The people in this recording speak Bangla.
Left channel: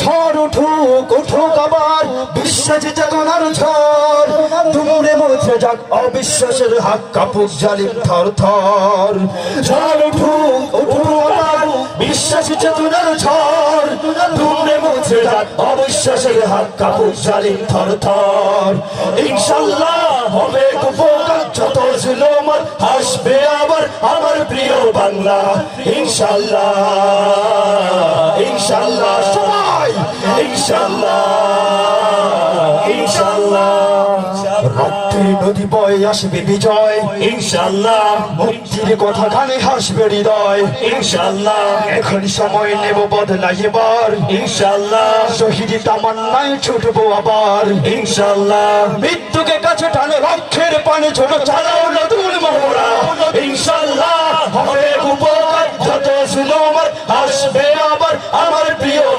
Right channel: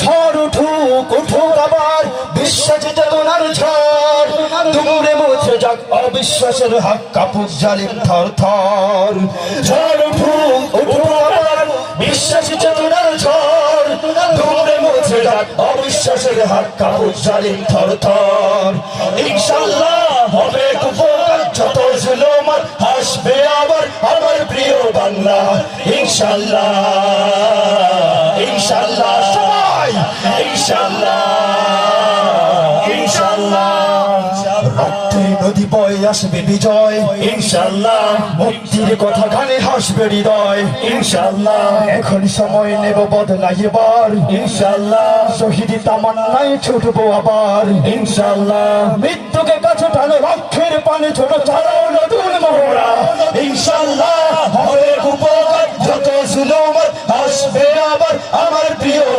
ঝড় উঠুক উঠুক আবার বিশ্বাস চেতনার ঝড় দুমড়ে মুছে যাক অবিশ্বাসের হাক কাপুক জালিম থর থর ঝড় উঠুক উঠুক আবার বিশ্বাস চেতনার ঝড় দুমড়ে মুছে যাক অবিশ্বাসের হাক কাপুক জালিম থর থর ইনশাআল্লাহ হবে উপকার যত জুলুম হাসবে আবার আমার প্রিয় বাংলা ইনশাআল্লাহ ইনশাআল্লাহ সবাই ইনশাআল্লাহ ইনশাআল্লাহ রক্তে নদী বয়ে আসবে বিজয় ইনশাআল্লাহ মুক্তির কথা গানে হাসবে হৃদয় ইনশাআল্লাহ এখন সময় নেব বদলাইবার ইনশাআল্লাহ শহীদ তামান্নায় ছুটবো আবার ইনশাআল্লাহ মৃত্যুকে কাছে টানো রক্ষের পানে ছোট চালাও নতুন মোহরা ইনশাআল্লাহ